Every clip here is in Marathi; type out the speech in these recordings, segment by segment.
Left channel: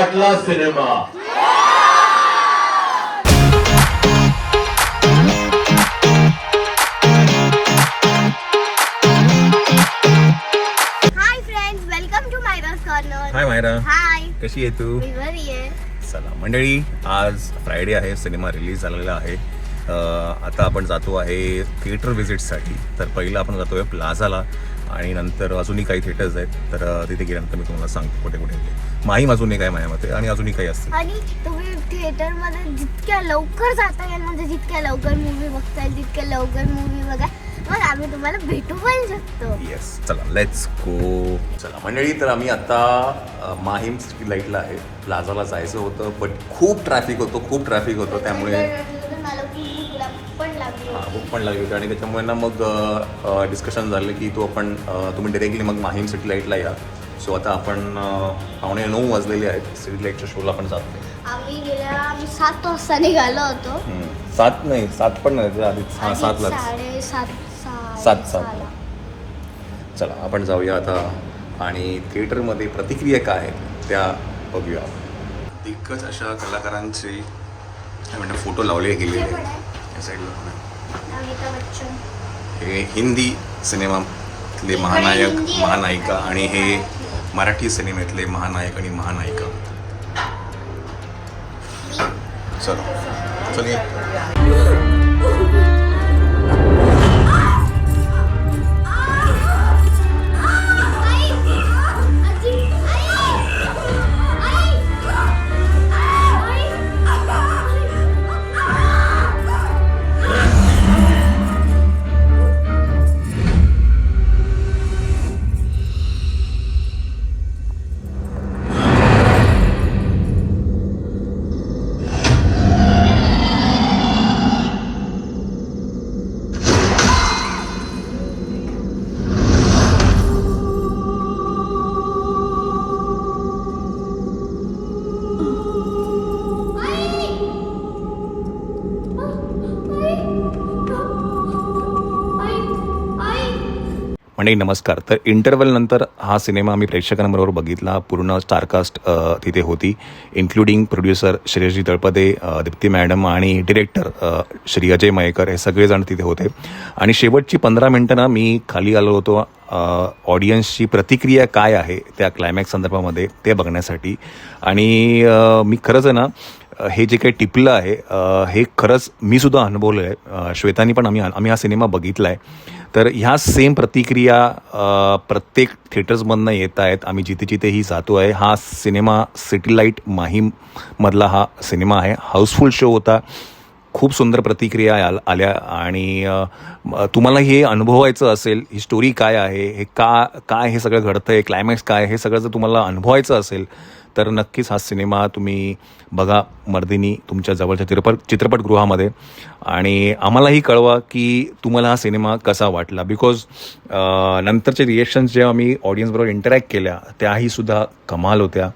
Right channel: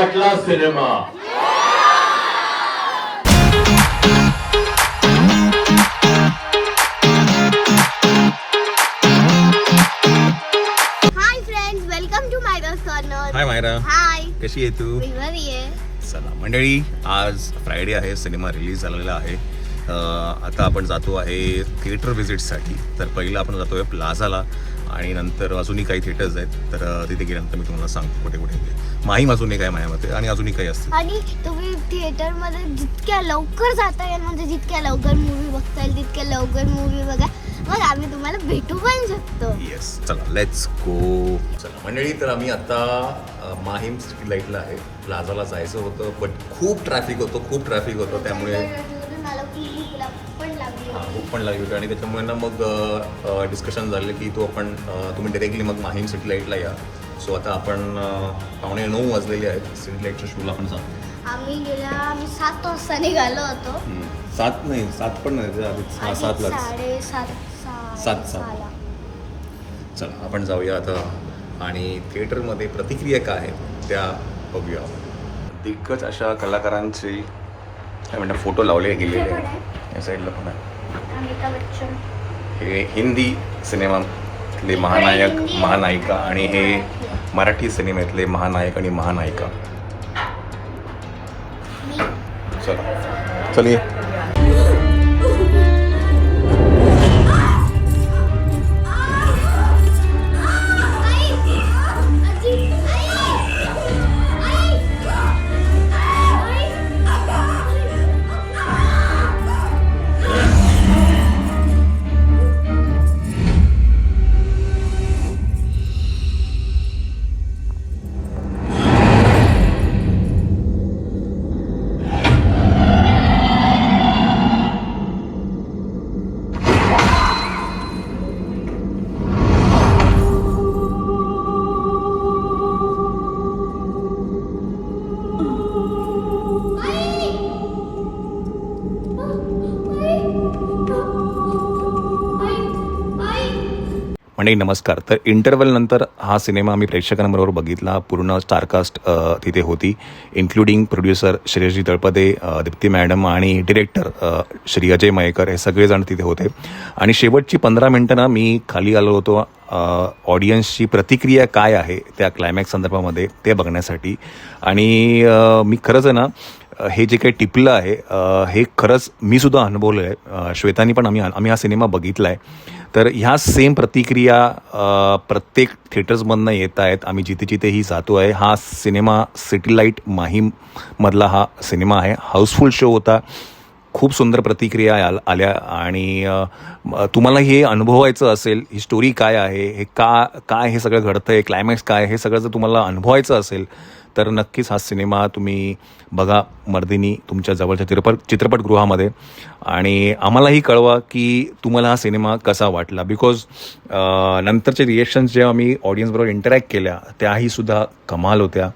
वाटला सिनेमा. हाय मायरा, हाय, कशी आहे तू? मी बरी आहे. चला मंडळी, आज फ्रायडे आहे, सिनेमा रिलीज झालेला आहे. आता आपण जातो आहे थिएटर व्हिजिटसाठी. तर पहिलं आपण जातो आहे प्लाझाला आणि नंतर अजूनही काही थिएटर्स आहेत. तर तिथे गेल्यानंतर मी तुम्हाला सांगतो कुठे कुठे गेले. माहीम अजूनही काय माझ्या मते आणि अजूनही काही असते. आणि तुम्ही थिएटरमध्ये जितक्या लवकर जाता येईल म्हणजे जितक्या लवकर मूवी बघता येईल तितक्या लवकर मूवी बघा. मग आम्ही तुम्हाला भेटू पण शकतो. येस, चला लेट्स गो. चला मंडळी, तर आम्ही आता माहीम स्ट्रीट लाईटला आहे. प्लाझाला जायचं होतं बट खूप ट्रॅफिक होतं त्यामुळे भूक पण लागली होती आणि त्याच्यामुळे ना मग डिस्कशन झालं की तुम्ही डायरेक्टली मग माहीम सिटी लाईटला या. सो आता आपण 8:45 वाजलेले आहेत. सिटी लाईटच्या शोला आपण जातो. आम्ही 7 वाजता निघालो होतो. 7 पण नाही, आधी 7:30. 7:30. चला आपण जाऊया आता आणि थिएटरमध्ये प्रतिक्रिया काय आहेत त्या बघूया. दिग्गज अशा कलाकारांचे काय म्हणतात फोटो लावले गेलेले आहेत. या साईडला पण आहे. हे हिंदी सिनेमातले महानायक महानायिका आणि हे मराठी सिनेमातले महानायक आणि महानायिका. चलिए. म्हणजे नमस्कार. तर इंटरवल नंतर हा सिनेमा आम्ही प्रेक्षकांबरोबर बघितला. पूर्ण स्टारकास्ट तिथे होती, including producer श्रेयसजी Talpade, Deepti madam आणि डिरेक्टर श्री अजय मयेकर हे सगळेजण तिथे होते. आणि शेवटची 15 मिनटं ना मी खाली आलो होतो ऑडियन्सची प्रतिक्रिया काय आहे त्या क्लायमॅक्स संदर्भामध्ये ते बघण्यासाठी. आणि मी खरंच आहे ना हे जे काही टिपलं आहे हे खरंच मी सुद्धा अनुभवलं आहे. श्वेतानी पण आम्ही हा सिनेमा बघितला आहे. तर ह्या सेम प्रतिक्रिया प्रत्येक थिएटर्समधनं येत आहेत. आम्ही जिथे जिथेही जातो आहे. हा सिनेमा सिटी लाईट माहीममधला हा सिनेमा आहे. हाऊसफुल शो होता. खूप सुंदर प्रतिक्रिया आल्या आणि तुम्हाला हे अनुभवायचं असेल, ही स्टोरी काय आहे, हे काय हे सगळं घडतं आहे, क्लायमॅक्स काय हे सगळं जर तुम्हाला अनुभवायचं असेल तर नक्कीच हा सिनेमा तुम्ही बघा मर्दिनी तुमच्या जवळच्या चित्रपटगृहामध्ये. आणि आम्हालाही कळवा की तुम्हाला हा सिनेमा कसा वाटला. बिकॉज नंतरचे रिएक्शन्स जेव्हा आम्ही ऑडियन्सबरोबर इंटरॅक्ट केल्या त्याही सुद्धा कमाल होत्या.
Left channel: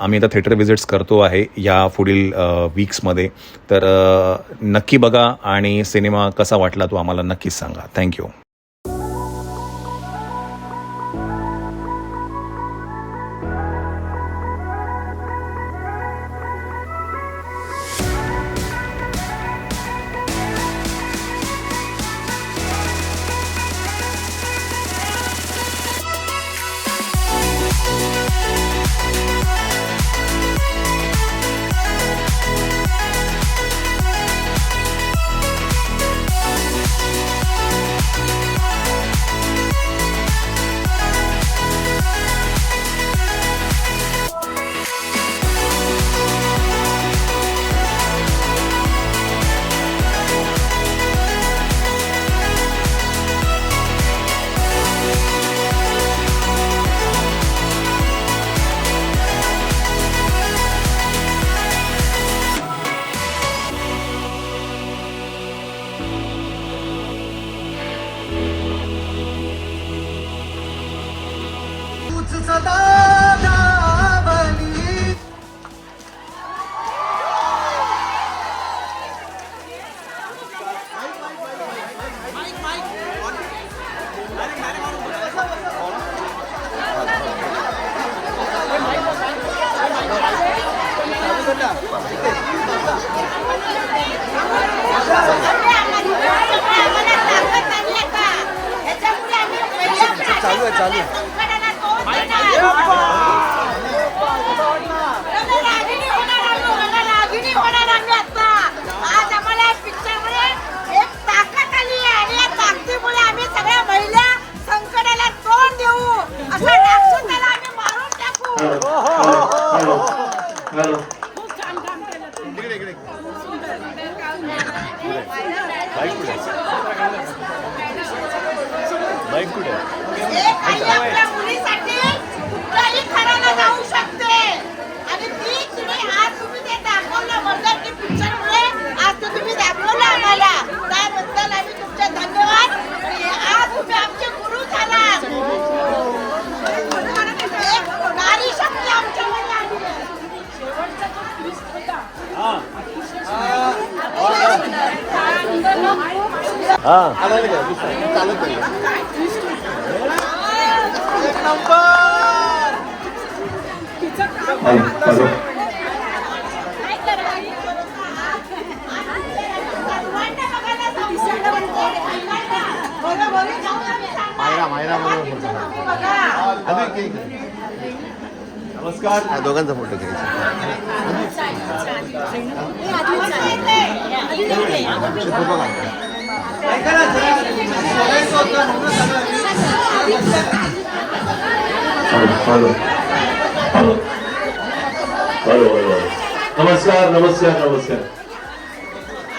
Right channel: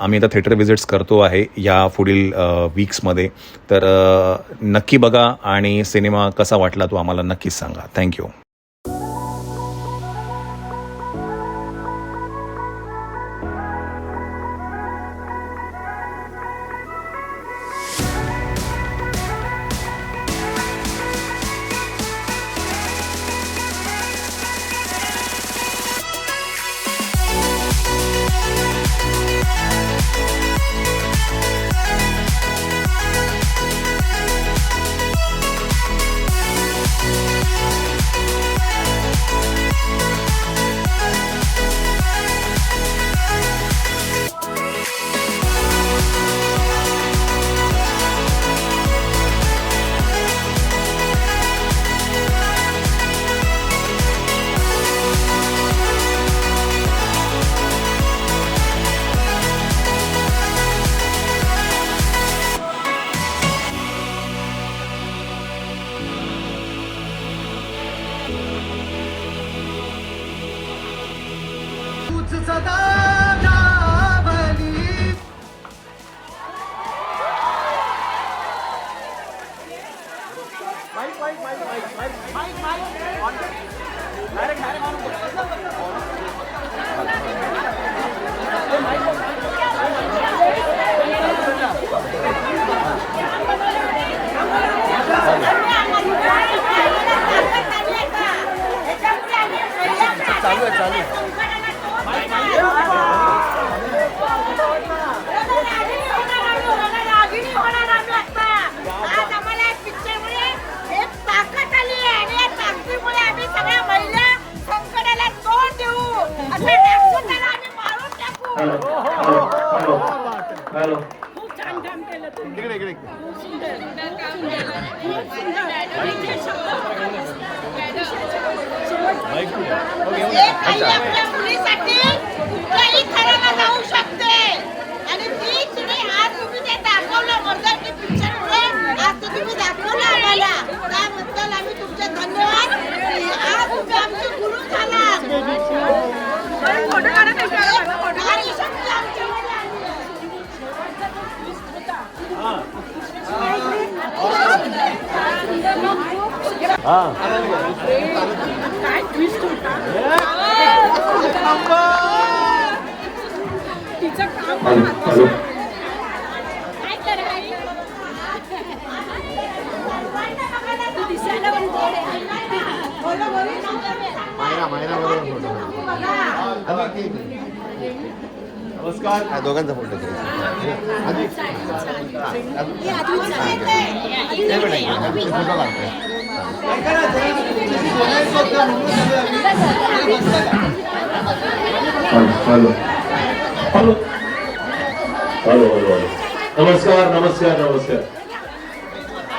आम्ही आता थिएटर व्हिजिट्स करतो आहे या पुढील वीक्समध्ये. तर नक्की बघा आणि सिनेमा कसा वाटला तो आम्हाला नक्कीच सांगा. थँक्यू. चालू आहे चालू आज आम्हाला पिक्चरमुळे एक ताकद आली आहे आणि या ताकदीमुळे आम्ही सगळ्या महिला संकटाला तोंड देऊ असं नागसोटाला आम्ही मारून टाकू. खूप छान काम केलं तुम्ही. खूप सुंदर काम केलं. खूप सुंदर. काही आपल्या मुलीसाठी कुठल्याही खराला जाऊ शकते आणि ती तुम्ही आज तुम्ही ते दाखवलं मर्दानी पिक्चरमुळे आज तो तुम्ही दाखवलं आम्हाला त्याबद्दल आम्ही तुमचे धन्यवाद. आज तुम्ही आमचे गुरु झालात. नारी शक्ती आमच्यामध्ये आली. तिचं काम नमस्कार दोघांचा फोटो नमस्कार नमस्कार नमस्कार.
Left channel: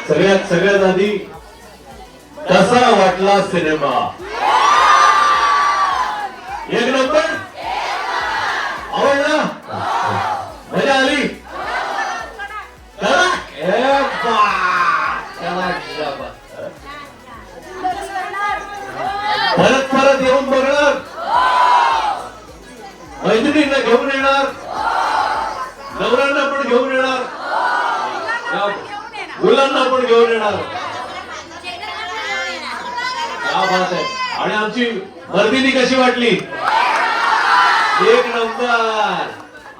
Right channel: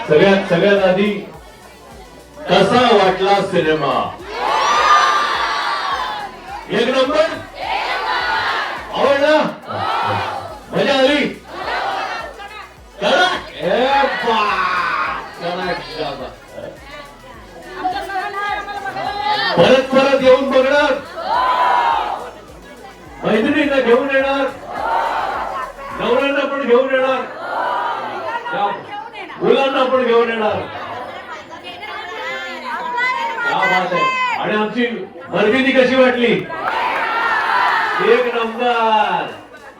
सगळ्यात आधी कसा वाटला सिनेमा? एक नंबर. आवडला? मजा आली? चला परत येऊन बघणार, मैत्रिणींना घेऊन येणार, नवऱ्यांना पण घेऊन येणार, मुलांना पण घेऊन येणार. क्या बात आहे. आणि आमची वर्दिनी कशी वाटली? एक नंबर.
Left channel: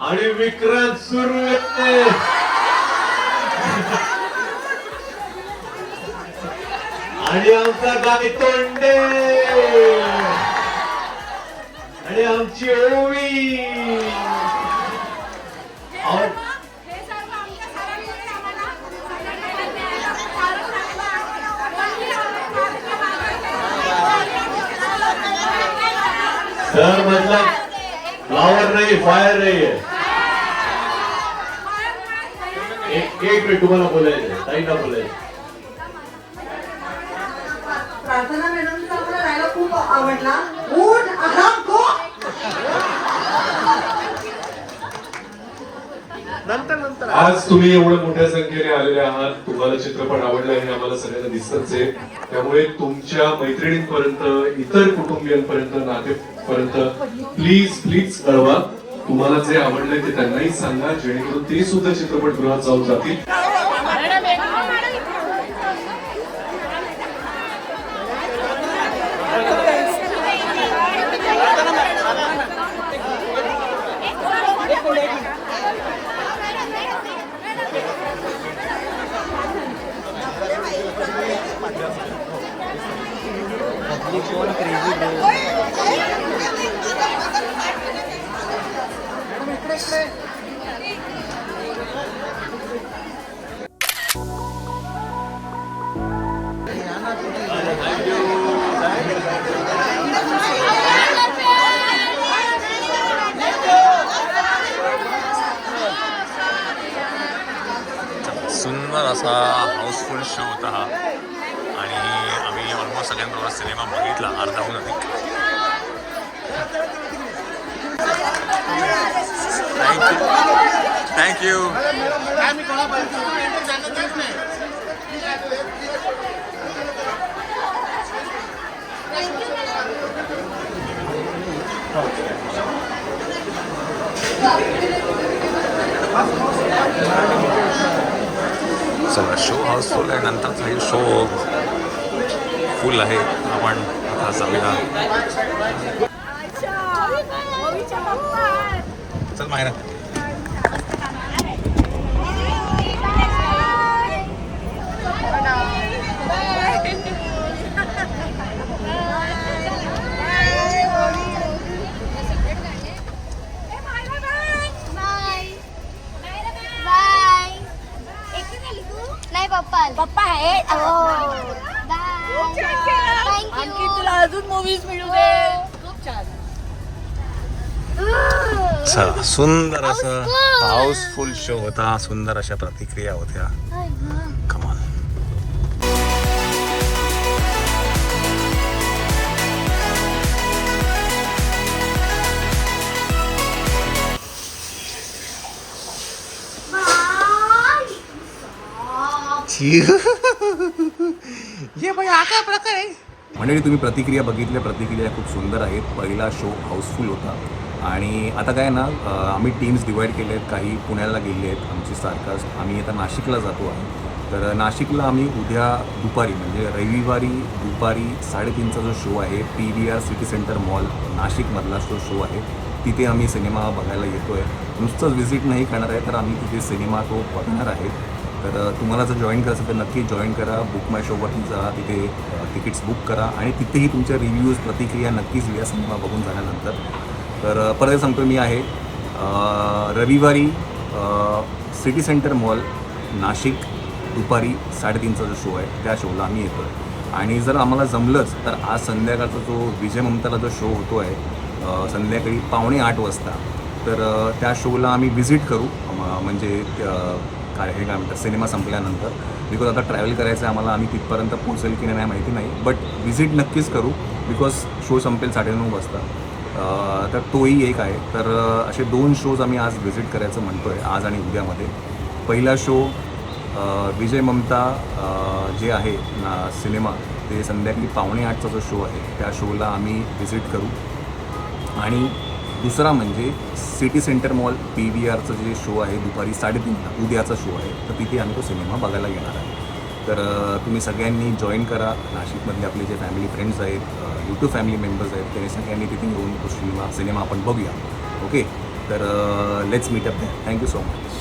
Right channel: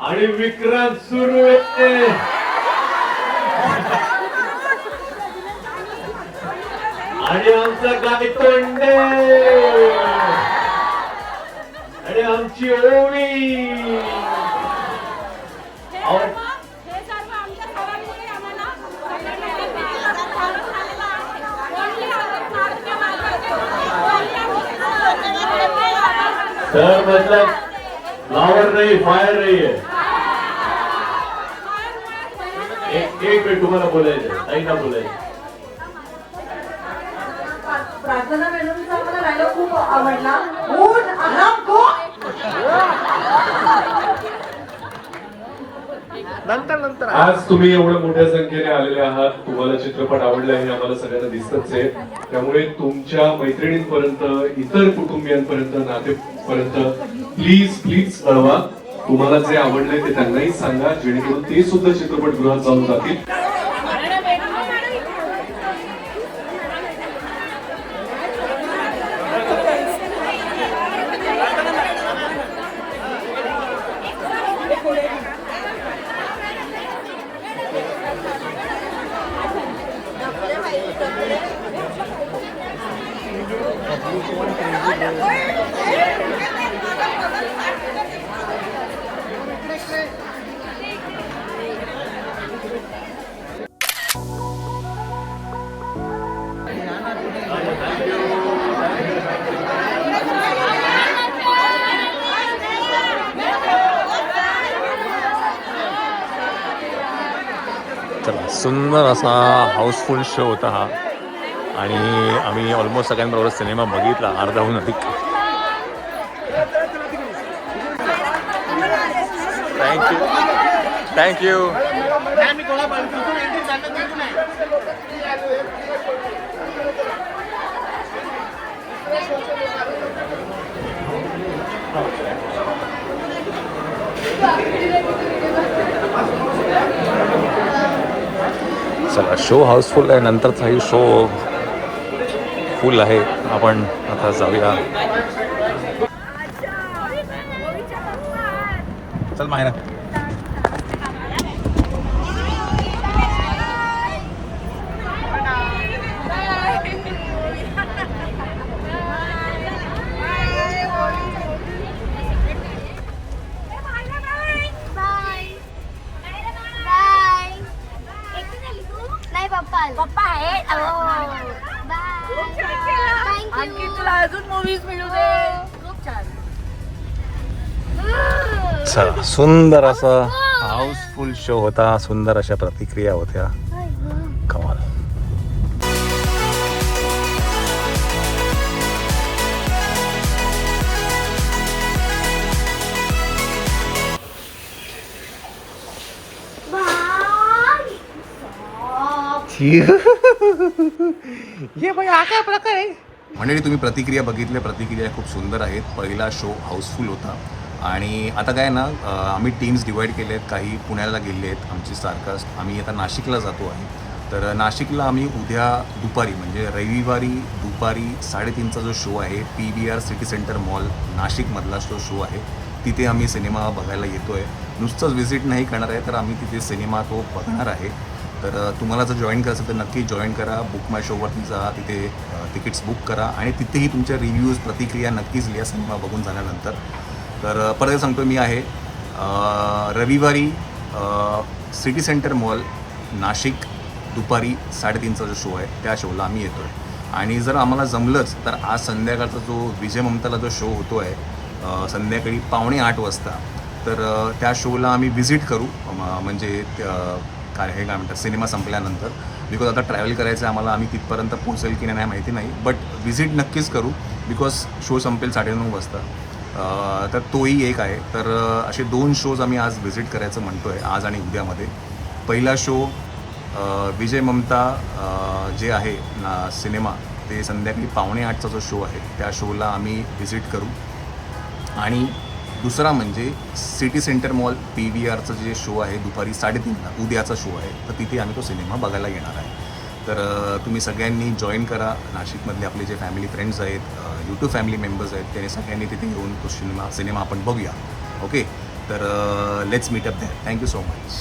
आणि विक्रांत सुरू येते. आणि आमचा गाय तोंडे आणि आमची ओवी. सर मतलब फ्लावर नहीं फायर नहीं है. एक मिनिट तुम्हाला बोलायचं, ताईंना बोलायचं. प्रार्थना मॅडमचा मला डायलॉग खूप आवडला. उठ आराम को. आज तुम्ही एवढ्या मोठ्या संख्येने आलेले आहात. तुम्हाला चित्रपट आवडला हे आम्हाला सगळ्यांना दिसतच आहे. त्यामुळे तुमच्या मैत्रिणींपर्यंत, इतर कुटुंबियांपर्यंत, नातेपर्यंत प्लीज कळवा. तुम्हाला जे आवडलंय ते त्यांनाही सांगा, जेणेकरून ते सुद्धा चित्रपटगृहात जाऊन जातील. चला, सुंदर असा हाऊसफुल शो होता हा. आणि आम्ही ऑलमोस्ट सगळ्यांबरोबर सिनेमा बघितला, अर्धाहून अधिक. थँक्यू. चला, शो हाऊसफुल आहे. नंतरचाही शो फुल आहे. आपण आता जाऊया. चल मायरा. चला, सुंदर असा हाऊसफुल शो होता, सुंदर अशा प्रतिक्रिया होत्या. कमाल. ये भाई हा काय प्रकार आहे. मंडळी, तुम्ही प्रतिक्रिया बघितल्या, प्रतिक्रिया खूप सुंदर आहेत. पहिला शो हाऊसफुल होता आणि आता काय ना, आम्ही टीम्स डिवाईड केले आहेत. काही पुण्याला गेले आहेत आमची स्टारकास्ट. आम्ही आता नाशिकला जातो आहे. तर नाशिकला आम्ही उद्या दुपारी म्हणजे रविवारी दुपारी 3:30चा जो शो आहे PVR सिटी सेंटर मॉल नाशिकमधला जो शो आहे तिथे आम्ही सिनेमा बघायला येतो आहे. नुसतंच व्हिजिट नाही करणार आहे, तर आम्ही तिथे सिनेमा तो बघणार आहे. तर तुम्हाला जर जॉईन करायचं तर नक्की जॉईन करा. बुक माय शोवरती जा, तिथे तिकीट्स बुक करा आणि तिथेही तुमच्या रिव्ह्यूज प्रतिक्रिया नक्कीच लिहा सिनेमा बघून झाल्यानंतर. तर परत सांगतो मी आहे रविवारी सिटी सेंटर मॉल नाशिक दुपारी 3:30चा जो शो आहे त्या शोला आम्ही येतो आहे. आणि जर आम्हाला जमलंच तर आज संध्याकाळचा जो विजय ममताला जो शो होतो आहे संध्याकाळी 7:45 वाजता, तर त्या शोला आम्ही व्हिजिट करू. म्हणजे काय म्हणतात सिनेमा संपल्यानंतर. बिकॉज आता ट्रॅव्हल करायचं आहे आम्हाला, आम्ही तिथपर्यंत पोहोचेल की नाही माहिती नाही, बट व्हिजिट नक्कीच करू बिकॉज शो संपेल 9:30 वाजता. तर तोही एक आहे. तर असे 2 शोज आम्ही आज व्हिजिट करायचं म्हणतो आहे, आज आणि उद्यामध्ये. पहिला शो विजय ममता जे आहे ना सिनेमा, ते संध्याकाळी 7:45चा जो शो आहे त्या शोला आम्ही व्हिजिट करू. आणि दुसरा म्हणजे सिटी सेंटर मॉल PVRचं जे शो आहे दुपारी 3:30ला उद्याचा शो आहे, तर तिथे आम्ही तो सिनेमा बघायला येणार आहे. तर तुम्ही सगळ्यांनी जॉईन करा. नाशिकमधले आपले जे फॅमिली फ्रेंड्स आहेत, यूट्यूब फॅमिली मेंबर्स आहेत, त्यांनी सगळ्यांनी तिथे येऊन तो सिनेमा आपण बघूया. ओके, तर let's meet up that. Thank you so much.